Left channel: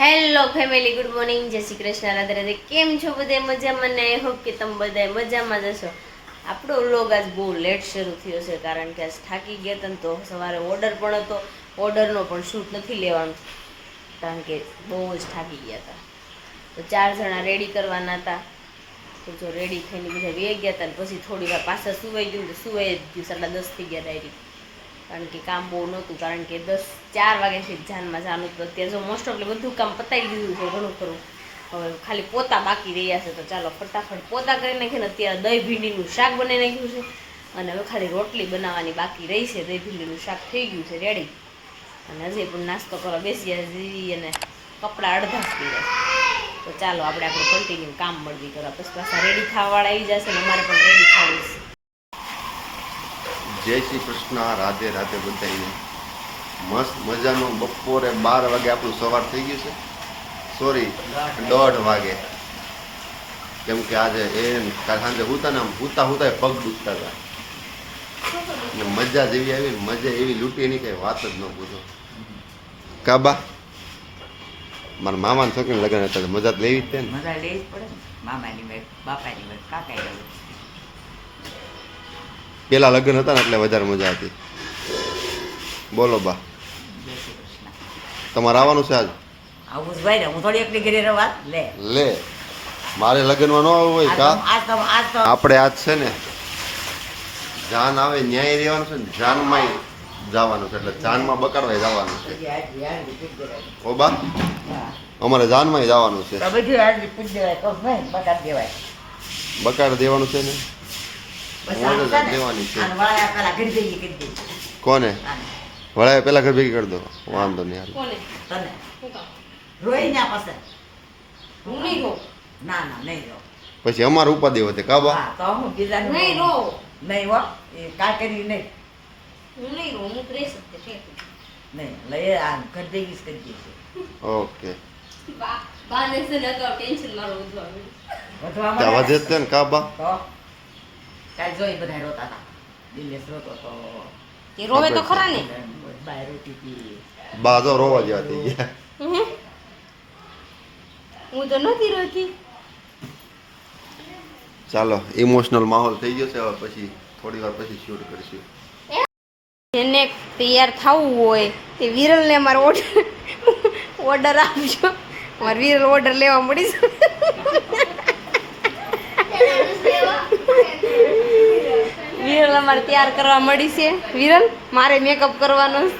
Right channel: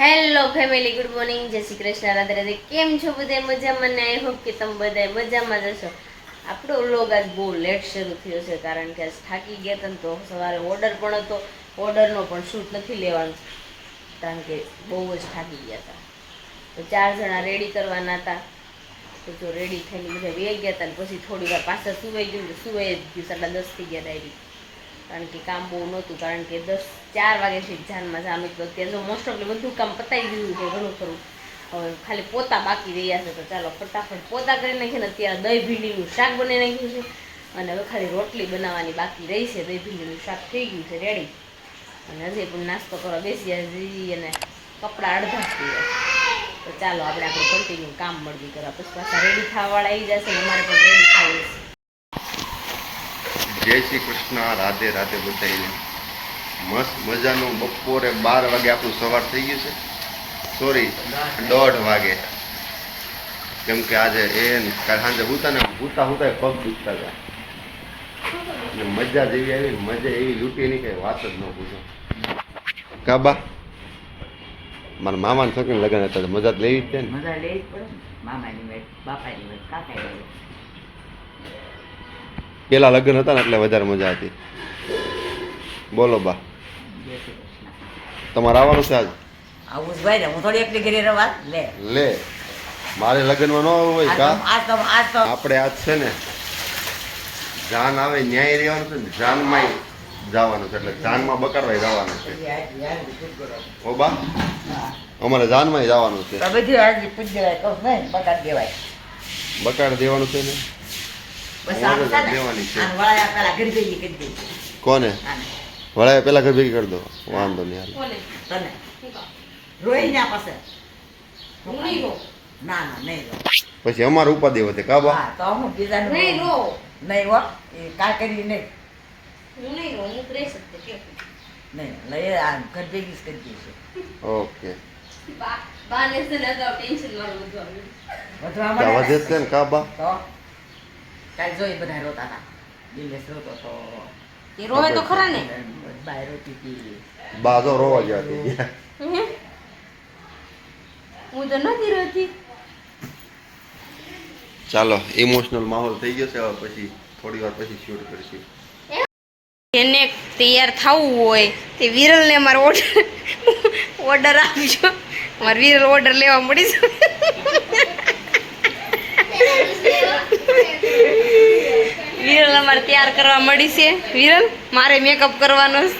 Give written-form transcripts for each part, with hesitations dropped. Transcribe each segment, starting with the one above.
Hello family, good morning, જય શ્રી કૃષ્ણ, રાધે રાધે. કેમ છો બધા? મજામાં ને? આઈ હોપ કે તમે બધા મજામાં જ હશો. આપણો વ્લોગ આજ બહુ લેટ શરૂ થયો છે કારણ કે આજ થાકી ગયા હતા ને, તો સવારે ઓર્ડર પણ હતો. ઓર્ડરનો પણ શૂટ નથી લેવાનું કારણ કે બહુ જ થાકી ગયા હતા. તો 4 જણા રેડી કરવાના હતા. તો જો રેડી થઈને બધા વે ગયા હતા ને પછી થોડી વાર પાછા સુવાઈ ગયું, તો સુવાઈ જ ગયું. 10:30 થઈ ગયા ડાયરી, કારણ કે કામ બહુ નહોતું. કારણ કે 4 વાગ્યાથી જાનમાં જવાનું હતું. અત્યારે જો મોસ્ટ ઓફલી બધું કામ પતાવી દીધું છે ઘણું ખરું. હવે ખાલી પોતા બાકી રહ્યા છે, તો ચાલો ફટાફટ પોતા કરી નાખીને અત્યારે દહીં ભીંડીનું શાક બનાવી નાખ્યું છે. અને હવે ખાલી રોટલી બનાવવાની બાકી રહી છે. દહીં ભીંડીનું શાક થઈ ગયું છે રેડી. અને હજી પણ નાસ્તો કરવા બેસી હજી, અને કપડાં અડધા જ પીવા. તો ચાલો આપણે આપણું કન્ટિન્યુ કામ મળવી કરવા. પછી પાછા રેડી થવાવાળા આવી જશે ને અમારે પણ રેડી થવું છે. જય શ્રી કૃષ્ણ, રાધે રાધે બધાને. મસ્ત મજાનું બપોરે 12 વાગે આપણું સવાર થઈ ગયું છે. સોરી, 1:30 વાગે. કેમ કે આજે કાલ સાંજે હુતા પગ દુખતા હતા. અને મજા જેવી આવી ને મજા એવી લૂંટી નહીં, કઈ વાત જ ન પૂછો. કાબા મારા મામાના છોકરીને લગ્ન હતા, મજા લેવી જ છે ને. મજા લેવી જ પડે ને. મામાની મેળ, બાપાની મેળ, કાકાની મેળ. પેલા લગ્ન હતા ને એટલે વધારે મજા હતી. બોલો બા, જય શ્રી કૃષ્ણ. તમારે આવવાનું છે આજ? આવું જ ભાઈ ને, હું થોડી એકલી ઘરે રહેવા લે મારે લગ્નમાં ન આવવું હોય કા? આજ તો આપણે આજ છે ને જાન આવે ન્યાય રહેવાનું છે ને, જાનમાં જવાનું છે. એટલે જાનમાં બકાડવાય જવાનું છે. ઓ બા, અમારે જાનમાં જવાનું છે. બધું આજ પૂજ દેવાય, કહું નહીં બકાત દેવાય. બકાડ દેવાનું છે ને, બસ મોજ આમ છે ને, દેવાની છે. આને વળાયા પહેલા ઘર ભેગી કરી દેજો. કોને આને, વળાય પેલા ઘર ભેગી કરી દો, વાંધો નહીં હાલ. કોને? તને શું કામ? રોઈ ના પાસે. હું નહીં રહું. ના નહીં રહો. પછી અમારે ઉપાધિ વધે કાબા. હા તો હું બીજાનું નહીં રહું. નહીં હો, એ કાંઈ કરી નહીં. હું નહીં રહું. હું રહી શકते ઠીક. નહીં લઈ આ ઘર ભેગી જ કરી દઈશું. ઓકે, બાને છે ને અગાઉ ટેન્શન મારું બધું આવ્યું. વધવા તો મળ્યા વધે જ છે ને કાબા. તો કાલ જોઈ બધા રોતા હતા. દિનેશ રોતો તો, એ રોવે તો ખરા ને. બાય રોતી હતી. બા તો રોવા જેવા થઈ ગયા. હું તો નથી રહેતી. ચાલો, ઇમોશનલ માહોલ થઈ ગયો છે. હવે પછી થોડી વાર પછી શૂટ કરીશું. એને તૈયાર થવું હોય તે વિરલને મારો ઓર્ડર આપજો. મારે વિરલ ઓર્ડર લેવા મળી છે. વિરલ અમારે તૈયાર કરવા મળી છે. વિરલ મારે મેકઅપ કરવાનો છે.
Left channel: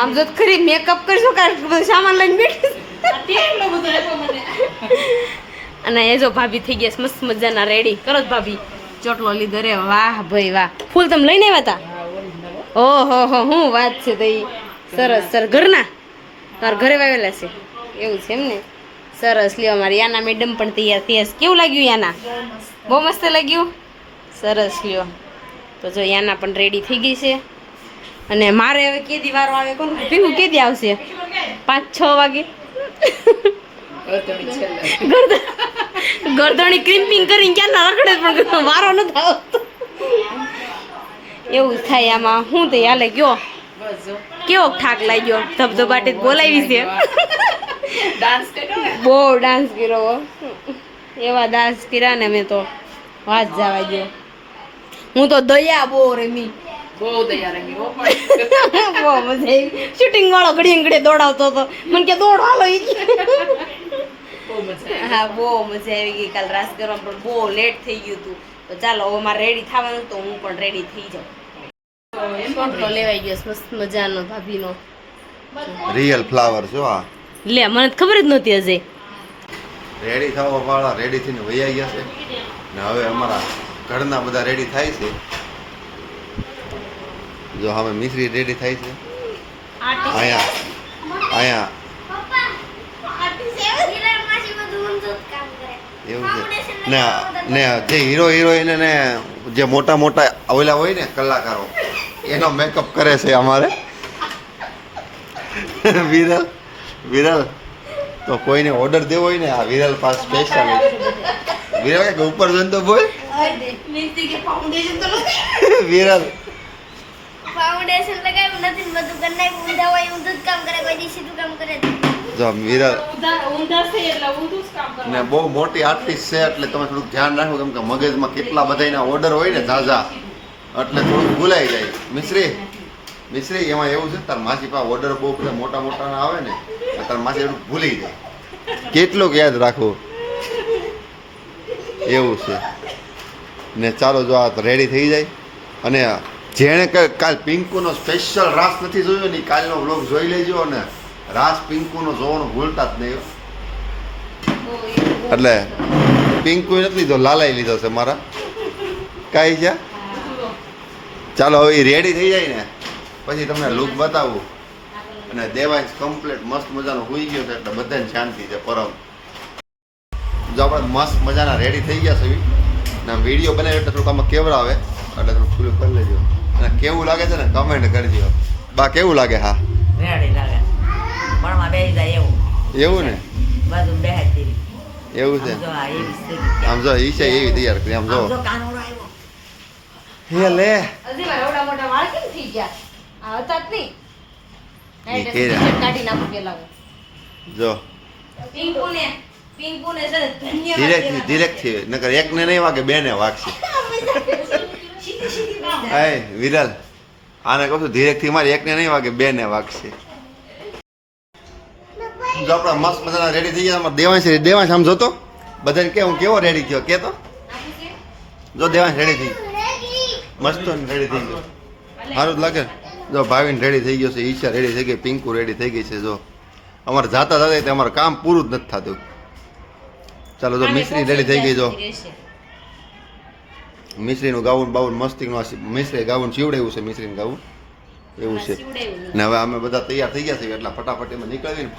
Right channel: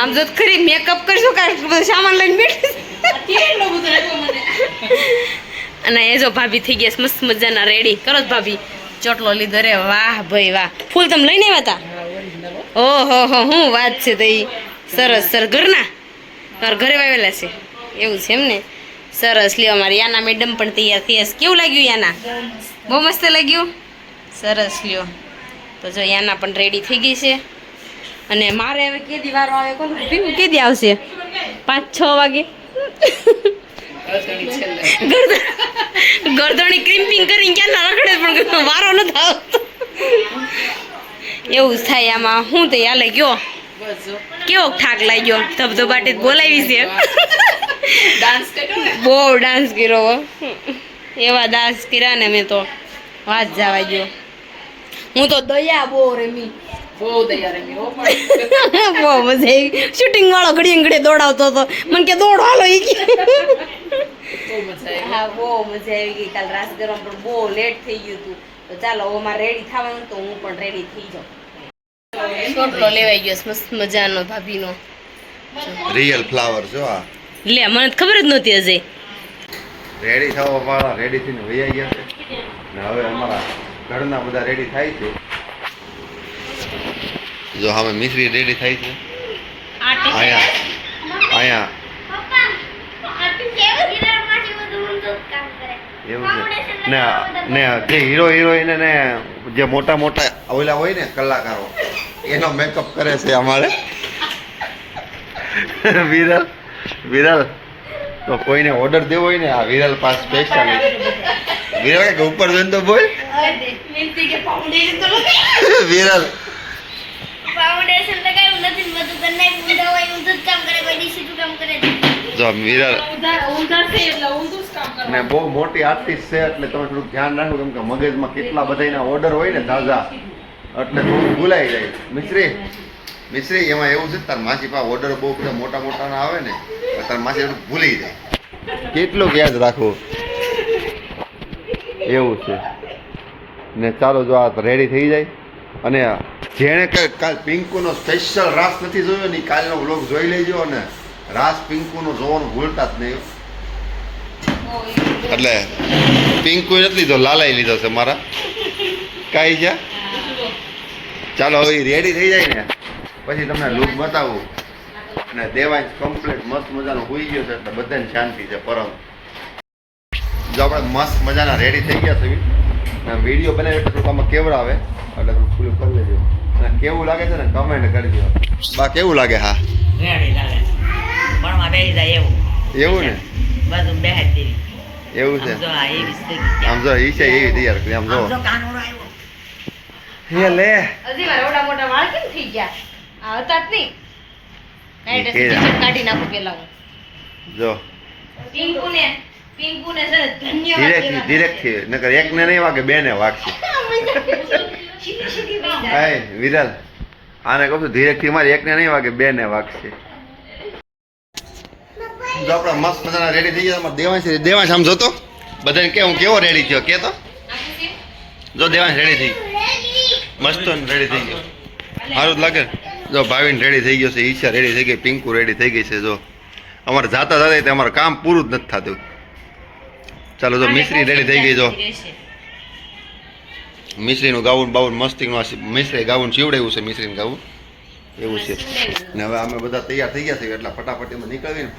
આમ જો ખરી મેકઅપ કરશું કાંઈ બધું સામાન લઈને બેઠી અને એ જો ભાભી થઈ ગયા છે મસ્ત મજાના રેડી. કરો ભાભી, ચોટલો લીધો રે. વાહ ભાઈ વાહ. ફૂલ તમે લઈને આવ્યા હતા? ઓહો હો, હું વાત છે તો એ સરસ સરસ. ઘરના તમારા ઘરે વાવેલા છે એવું છે એમ ને? સરસ. લ્યો, અમારી યાના મેડમ પણ તૈયાર થઈ હશે. કેવું લાગ્યું યાના? બહુ મસ્ત લાગ્યું. સરસ. લ્યો, તો જો યાના પણ રેડી થઈ ગઈ છે. અને મારે હવે કેદી વારો આવે કોણ પીવું? કેદી આવશે? 5-6 વાગે. ગરદણી ક્રિમ્પિંગ કરીને ક્યાં રખડે પણ મારો નથી આવતો. એવું જ થાય આમાં. હું તો હાલે ગયો. કેવો થાક લાગ્યો? ધબધબાટી બોલાવી છે. બહુ ડાન્સ કર્યો. એવા ડાન્સ કર્યા ને મેં તો વાત જવા ગયો. હું તો દયા બહુ રમી. બહુ મજા આવી. શૂટિંગ વાળો ઘડીએ ઘડીએ દોડાવતો હતો. મને કે દોડ હાલો. હા, બહુ મજા આવી ગઈ. કાલ રાસ કરવામાં પણ બહુ લેટ થઈ ગયું હતું. તો ચાલો હવે મારે રેડી થવાનું, તો હું પણ રેડી થઈ જાઉં. ચોટલો લેવાઈ ગયો મસ્ત મજાનો ભાભીનો. રિયલ ફ્લાવર જો આ. લે, મને ખબર જ નહોતી હજી. રેડી થવા વાળા રેડી થઈને વૈયા ગયા છે ને હવે અમારા ઘરના બધા રેડી થાય છે. જો હવે મિશ્રી રેડી થાય છે. અહીંયા એવું છે ને જે હીરો હિરોઈન ને જે મોટા મોટા ઓલા હોય ને કલાકારો, એનો મેકઅપ કરે છે અમારે. વિરલ તો કોઈને ઓર્ડર દેવો હોય ને આ વિરલ પાસ સ્પેશિયલ. વિરલ કે ઉપર જોઈને તો બોલ. વિરલ ફાઉન્ડેશન લગાવ્યું નથી, બધું કરી નાખ્યું. ઊંધા હોય ઊંધું જ કામ કરે, કોઈ ડીસી કામ કરે. જો મિરર ને બહુ મોટી આર્ટિસ્ટ છે એટલે તમે થોડુંક ધ્યાન રાખો કેમ કે મગજમાં કેટલા બધાના ઓર્ડર હોય ને ઝાઝા એટલે થોડું ભૂલાઈ જાય. મિશ્રી એમાં એવું છે તાર માસી પાસે ઓર્ડર બહુ બધા મોટા મોટાના આવે ને એટલે તાર માસી એટલું ભૂલી જાય. કેટલું યાદ રાખવું એવું છે ને. ચાલો જો આ રેડી થઈ જાય અને જેણે કાલ પિંકુનો સ્પેશિયલ રાસ નથી જોયો ને કાલનો વ્લોગ જોઈ લેજો અને રાસ પિંકુનો જોવાનું ભૂલતા જ નહીં. એટલે પિંકુ નથી લીધો, લાલાઈ લીધો છે મારા. કાંઈ છે. ચાલો હવે રેડી થઈ જાય ને પછી તમને લુક બતાવું. અને દેવાંશ કમ્પ્લીટ મસ્ત મજાનો હોઈ ગયો છે એટલે બધાને શાંતિ છે. પરમ જો આપણે મસ્ત મજાના રેડી થઈ ગયા છે ને વિડીયો બનાવ્યો એટલે થોડુંક આમાં કેવડા આવે એટલે થોડું પૂરું કરી લેજો. અને કેવું લાગે છે ને કમેન્ટ કરી દો. બા કેવું લાગે? હા રેડી લાગે ભણવા બેસી જાય એવું એવું ને બાજુ બેહાડી દેવી એવું છે. આમ જો આ એવી સ્થિતિ આમ જો ઈ છે એવી તૈયાર કરી. આમ જો આમ જો કાનુડો આવ્યો. હે લે હજી મારા ઓડા મોટા વાળ કેમ થઈ ગયા? આ હતા જ નહીં. ઈ એટલે કેરા. ટીચર કાઢી નાખું પેલા હું. જો પિંકુને છે ને ધન્યવાદ ધીરેકથી નકર એકને નહીં વાગે બેને વાગશે. સીધી સીધી બેસી જાય. હાય વિરલ આને કહું છું ધીરેકથી મારી એકને નહીં વાગે બેને વાગશે. જો આપણે મસ્ત મજાના રેડી થઈ ગયા. દેવાંશ આમ જોતો બધાને કે હું કેવો રેડી થયો કે તો જો દેવાંશ રેડી થઈ મસ્ત રેડી થઈ ગયો. સારું જ લાગે. જો ભાવિન રેડી થઈ ગયો છે, ઈચ્છા રેડી થઈ ગઈ, પિંકુ રેડી થઈ ગઈ છે. જો અમારે જાતા જતા એટલે અમારું કામ પૂરું જ નથી થતું. ચાલો જો મિશ્રી રેડી થઈ ગઈ. જો મિશ્રીનું ગાઉન બાઉન મસ્તીનું મિશ્રી ગાઉન સીવડાવ્યું છે. મિશ્રીનું ગાઉન એવું છે ને. હવે અમે બધા તૈયાર થઈ ગયા છીએ એટલે ફટાફટ એમાં નીકળીને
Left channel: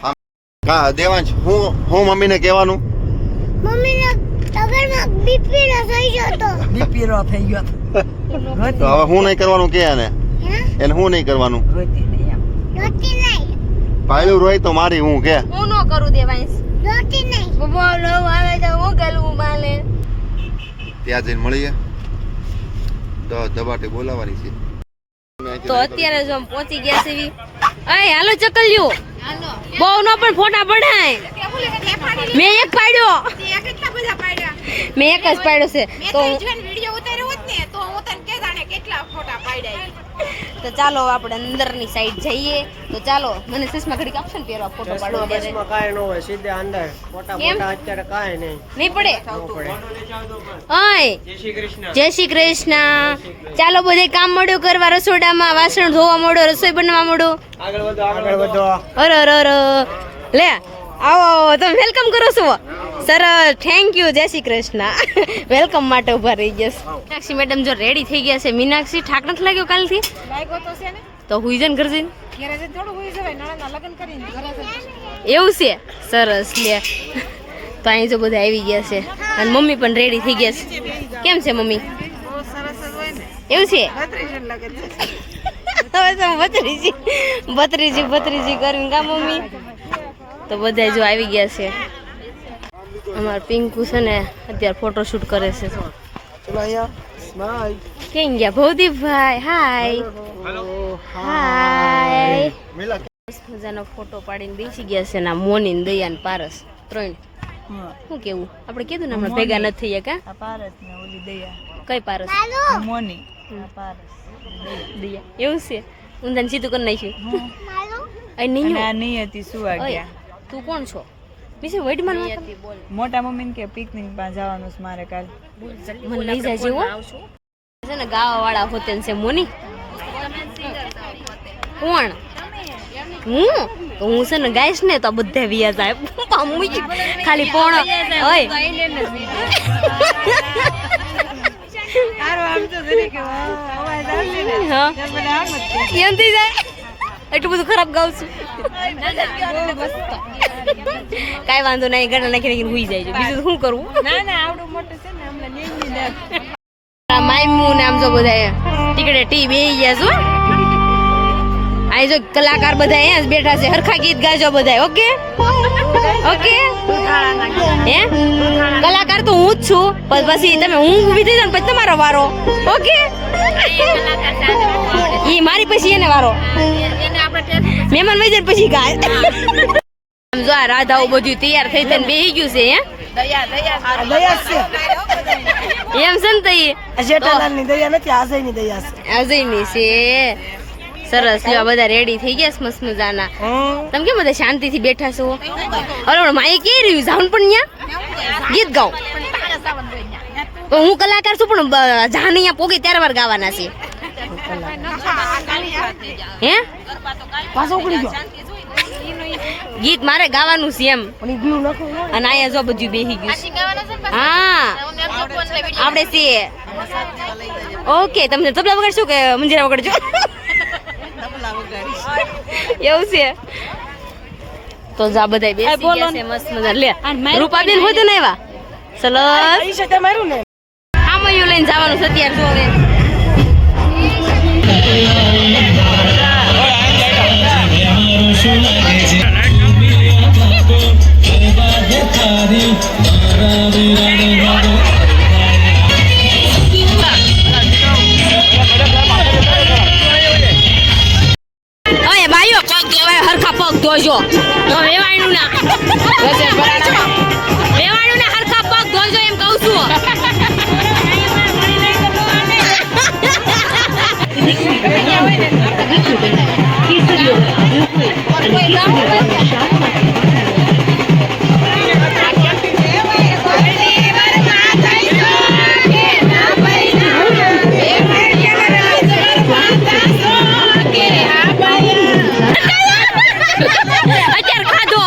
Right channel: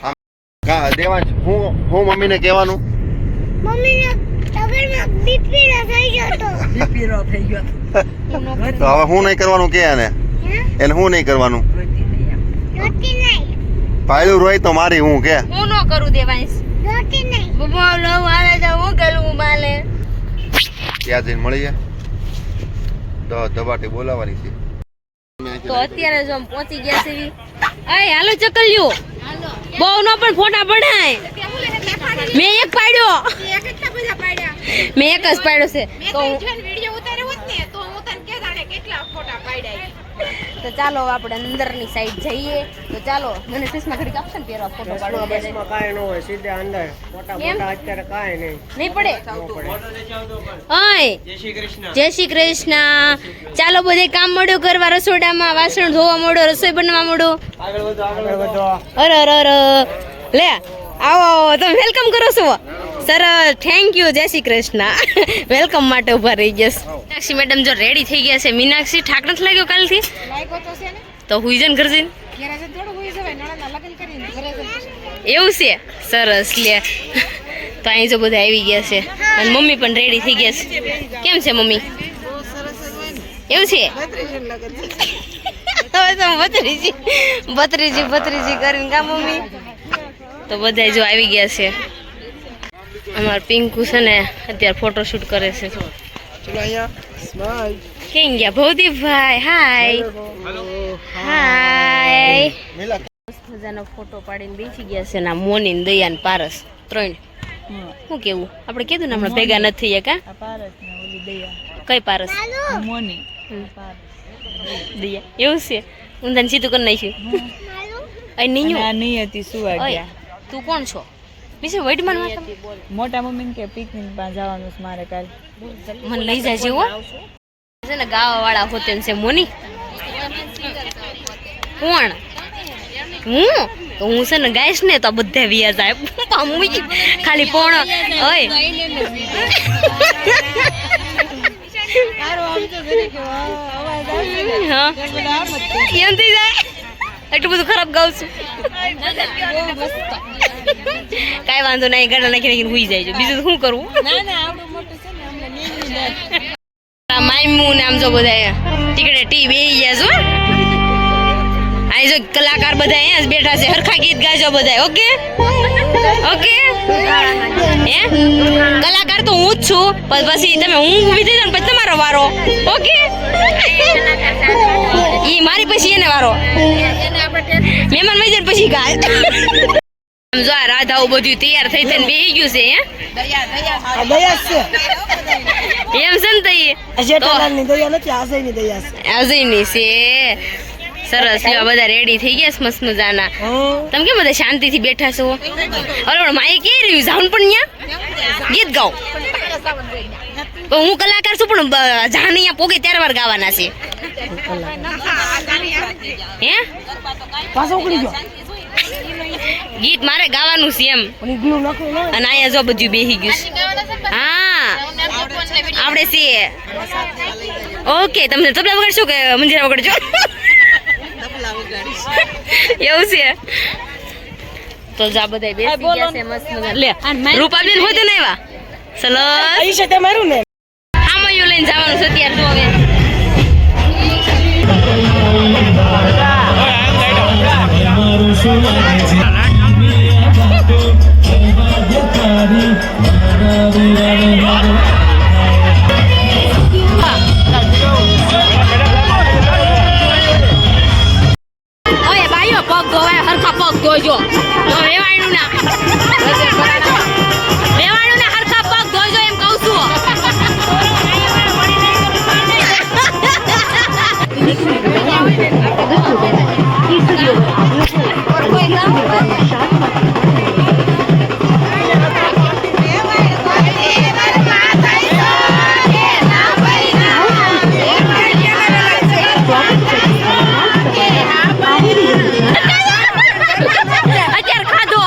હા દેવાંશ હું મમ્મીને કહેવાનું મમ્મીને તગરમાં બીપીનો થઈ ગયો તો બીપીનો થઈ ગયો તો હવે હું નહીં કરવાનું કે એને હું નહીં કરવાનું. રોટી નહીં પાયલું રોય તો મારી હું કે હું ન કરું દેવાંશ. રોટી નહીં બોલો આવે તો હું ગલવું માલે. ત્યાં જઈને મળીએ તો દબાટી બોલાવાની છે. તો અત્યારે જો આમ પહોંચી ગયા છે. અય હાલો ચકલ્યો. બહુ નો પણ ફોટા પડાય. મેં એક પાડ્યો. મેં એક જ પાડ્યો છે. તો ચાલો આપણે અંદરની સાઈડ જઈએ. તો ચાલો મને ચશ્મા ઘડીક આપશે ને પહેરવા ફોટો પાડવા દે. કાંઈ ન હોય સીધે અંદર ફોટા કેમ? ફોટા અત્યારે કાંઈ નહીં નહીં પડે. ન પડે. ઓય જય શ્રી કૃષ્ણ. ચાલો બધે કામ મળ્યું કરવા, રસોડામાં વાસણ ધોવા મળો, રસોઈ બનાવવા મળો. આગળ વધો અરે અરે અરે લે આવો આવો તમે વેલકમ કરો છો સરસ. Thank you. જય શ્રી કૃષ્ણ. વેલકમ માટે ઉભા રહી ગયા. મીનાક્ષી મેડમ જો રેડી થઈ ગયા છે. મીનાક્ષી ઠાક નથી લાગ્યો કાલથી? તો હુઈ જન ઘર જઈને એવું છે. સરસ લે. તો અહીં જો બધા આવી ગયા છે અને મમ્મી પણ રેડી થઈ ગયા છે. કેમ છે મમ્મી? એવું છે. હવે તો ભત્રીજી કરીને કા મમ્મી. તો બધા જો આવી ગયા છે. અમાર પિંકુ છે ને અત્યારે ફોટોશૂટ કરે છે. કેમ ગયા ભવદીપભાઈ? હાય હાય. મજાનો ફોટો પાડીને બેસી ગયા છે ને મોની ને દયા ને પારસ ત્રણ. શું કેવું આપણે કીધું ને હમણાં ભેગા નથી થયા કા? કઈ પારસ? મોની દયા. એવું છે. ઊંધા ને સીધું કરી નાખ્યું. અહીં નિયતિ સુવા તું કોણ છો? બીજું વૈટમાન મોટા મમ્મી કે પિકનિક માં જવાનું છે મારે કાલ. મને લઈ જાય જેવો છે ને ગાવા વાળા હોતે છે. મોની કોણ? હું તો હું છે ને ગાઈશ ને તો બધા વિયા જાય ખાલી પોણો. ઓય એમ થઈ જાય. એટલું બધું ખરાબ ગાઉં છું. કાંઈ વાંધો નહીં. ગળા નાખી નાખીને હુઈ જાય છે. બીજું શું કરવું? માયમુ ને આમ જો બધા ટીકડે ટી બેહી ગયા છો. અહીં જો કલાકાર બધા અહીંયા જ બેઠા છે. હરખા ગીત ગાજો બધા. Okay okay. હે કલાકાર તો હું જ છું. પછી તમે હું ઊભી થઈ જાવ ને પછી તમારો વારો. ઓકે ઈ મારી પછી એને વારો. મહેમાન વહી જાય પછી ગાય. આમ જો આ રાધાઓ બધું તૈયાર થઈ થઈને બેહી ગયું છે હે દયા છે એમ છે ને તઈ જેઠાલાલની દયા નથી આશયની દયા છે અજયની છે સરસ લ્યો બધા રેડી થઈ ગયા છે મસ્ત મજાના તમે કેમ બધા શાંતિથી બેઠા છો અરે માએ કે રહ્યું જાઉન પણ ન્યા ગીત ગાઓ તો હું કલાકાર છું પણ જાન અહીંયા પોગે ત્યારે વાર ગાવાના છે હે પાછો ઉકળી ગયો ગીત મારે ગાવાનું છે એમ અને ગયું નાખે ને અને અહીંયા જો બધું બેહી ગયું છે હા આપણે છીએ ઓકે તમને તબલા વગાડશો કે મંજીરા વગાડજો એવું છે તો જા બધા બેસી ગયા છે મસ્ત મજા લે રૂપાબેન હોતે ને આવ્યા ચલો ઈ છે તમારું ને આમયું લઈને જવાનું છે અત્યારે જો હવે ઓય ભાઈઓ પગ ધોવાય હરખા પગ ધોજો વેવાણું ના વેવાણું ના હરખા પગ ધોજો એમ કહું છું અત્યારે ખાધો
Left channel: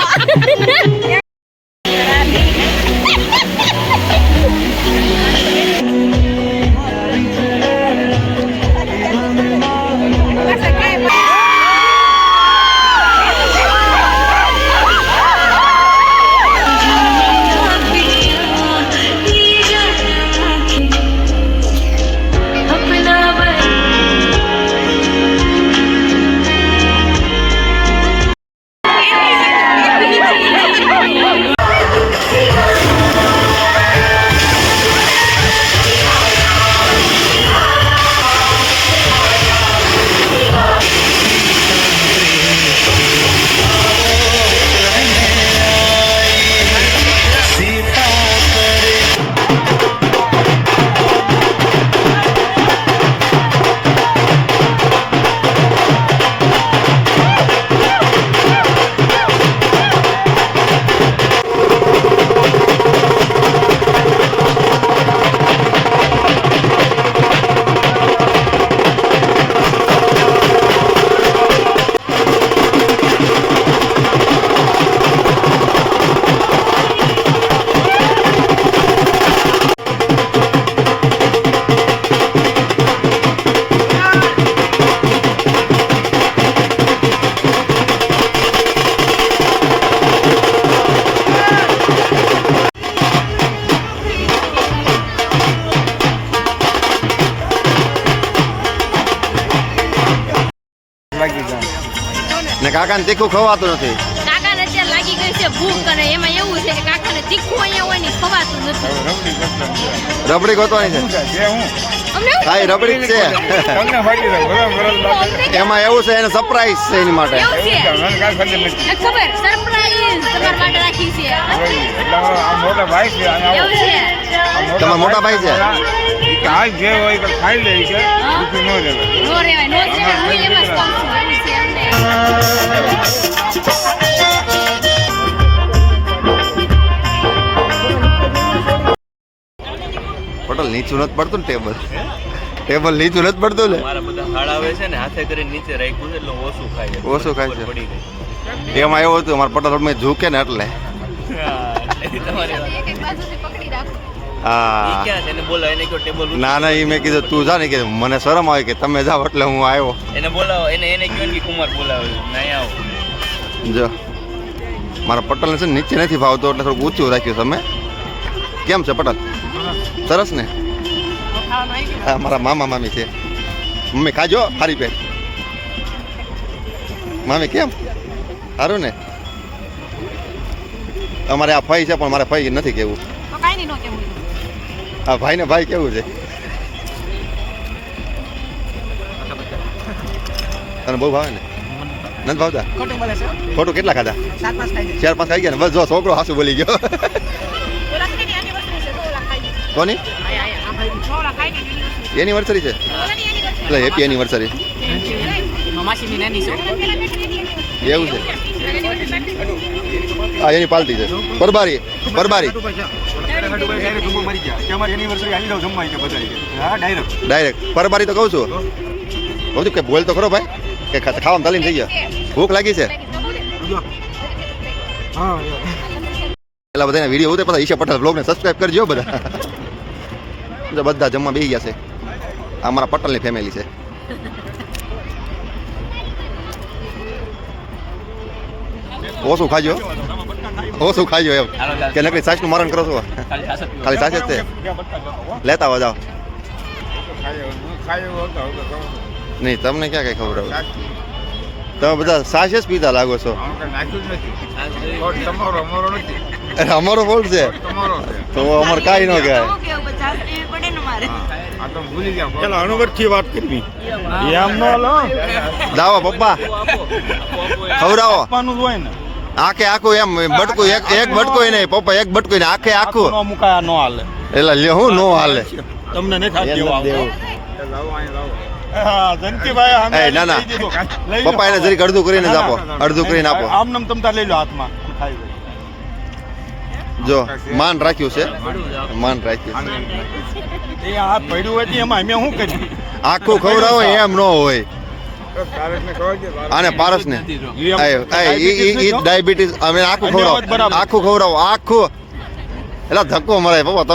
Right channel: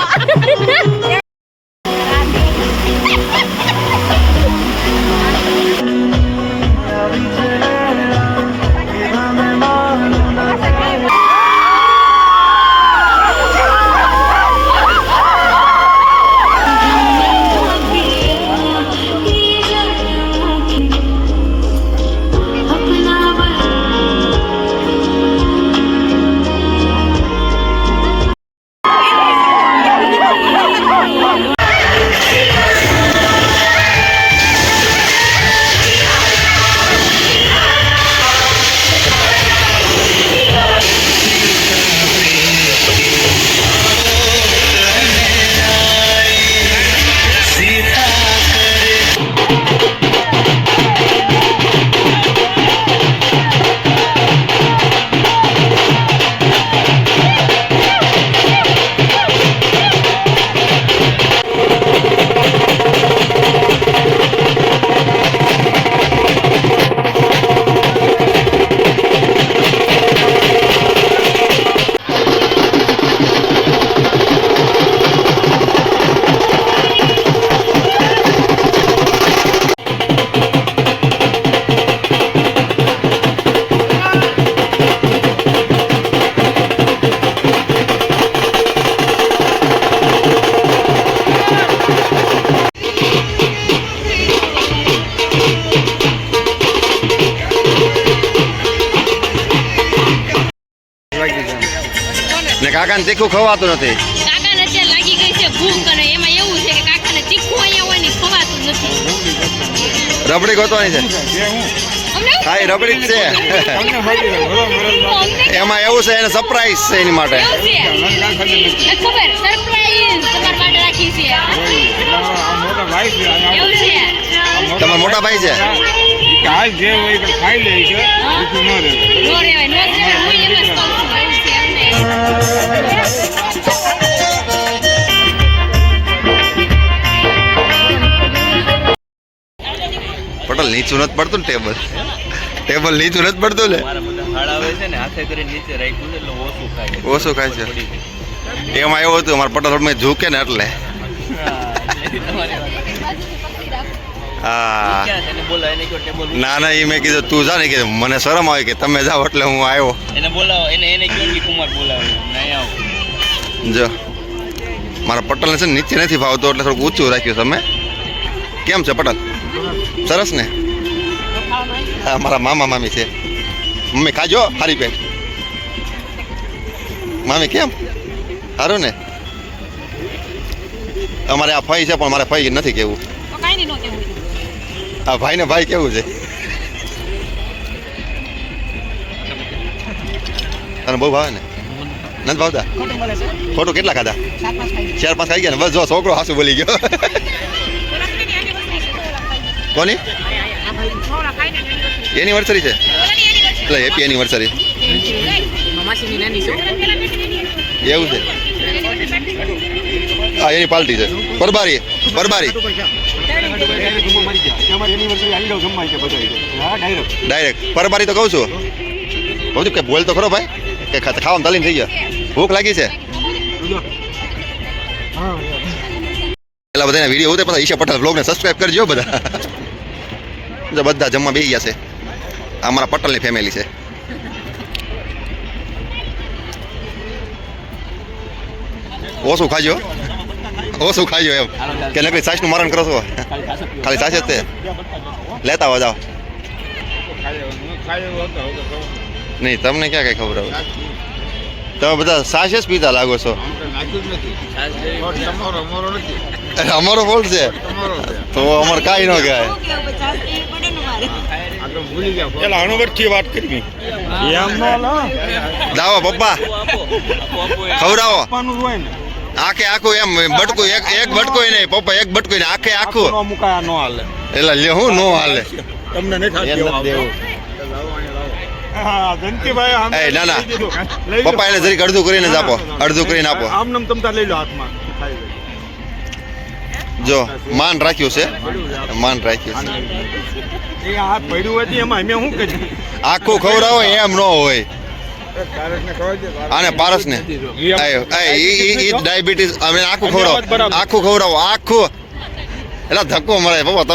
ને કાકાને તીખું ખવાતું નથી કાકાને અત્યારે લાગી ગઈ છે ભૂખ અને એમાં એવું છે કે કાકાને તીખું અહીંયા હોય ને ખવાતું નથી રબડી ગોતવાની છે અમને હા એ રબડી જ છે એમાં એવું છે એને સરપ્રાઈઝ છે એની માટે એવું છે ખબર સરપ્રાઈઝ તમારા માટે રાખી છે એવું છે તમારા મોટા ભાઈ છે જે હોય કે ખાઈ લે છે બીજું ન રહેવાય નો રેવાય નો રેવાય હું એમ જ કહું છું એવું છે અમને પટેલ નીચું નથી પડતું ને ટેબલ નીચું નથી પડતું ને મારા બધા હાડાવે છે ને હાથે કરીને નીચે રાખ્યું છે એટલે ઓછું ખાય છે. ઓછું ખાય છે પડી ગયું. એમાં એવું હતું મારા પટેલ થોડું ઝૂકે ને એટલે તમારી વાત. હા ક્યાં તને બોલાવો એને કહો ટેબલ ઉપર. ના ના એ મેં કીધું તું જા ને કે મને શરમ આવે કે તમે જાઓ એટલે હું આવ્યો એને બોલાવો એને કહો કે કુમાર બોલાવો નહીં આવો. જો મારા પટેલને છે ને નીચે નથી ભાવતો એટલે થોડુંક ઊંચું રાખ્યું તમે કેમ છે પટેલ સરસ ને હા મારા મામા મામી છે મમ્મી ખાજો હારી પેટ મામી કેમ સારું ને અમારે આ ફઈ છે પણ મારે ફઈ નથી કેવું આ ભાઈ ને ભાઈ કેવું છે તને બહુ ભાવે ને નથી ભાવતા ખોટું બોલે છે ખોટું કેટલા ખાધા 7-5 ખાઈ 4-5 ખાઈ ગયા ને બસ જો છોકરો હાસુ બોલી ગયો કોની એનિવર્સરી છે એટલે હેપી એનિવર્સરી માસીની નાની છે એવું છે હા એની પાર્ટી છે પરબારી ડાયરેક્ટ પરબારી તો કહું છું કહું છું કે બોલ તો ખરો ભાઈ કે ખાવામાં તાલીમ થઈ ગયા ભૂખ લાગી છે પેલા બધાના વિડીયો ઉતરે પછી ઈશા પટેલ બ્લોગને સબસ્ક્રાઇબ કરજો બધા જો બધા જમવા બેસી ગયા છે આ અમારા પટેલની ફેમિલી છે ઓછું ખાજો એમ કે નકરી સાસનું મરણ કરો છો ખાલી સાસ જ તે લેતા આવો જાઓ નહીં તમને ક્યાં કઈ ખબર આવે તમે બધા સાસ જ પીતા લાગો છો અરે અમારો ફોલ્ટ છે તો અમારે કાંઈ ન કહેવાય વાત કરવી દાવો પપ્પા ખવડાવો હોય ને આખે આખું એમ બટકું એક બટકું નહીં પપ્પા એક બટકું નહીં આખે આખું મુકાયા ન હાલે એટલે લે હું નો હાલે તમને નથી જયંતિભાઈ એ ના ના પપ્પા એને જરીક અડધું કરીને જ આપો અડધું કરીને આપો આમ નામ તમતા લઈ લો હાથમાં ખાઈ લો. જો માન રાખ્યું છે માન રાખ્યું છે એ હાથ ભર્યું હોય તો એમાં અમે શું કર્યું આખું ખવડાવો એમ ન હોય આને પારસ ને ડાયાબિટીસ અમે આખું ખવડાવો આખું એટલે ધક્કો મરાય પપ્પા તમે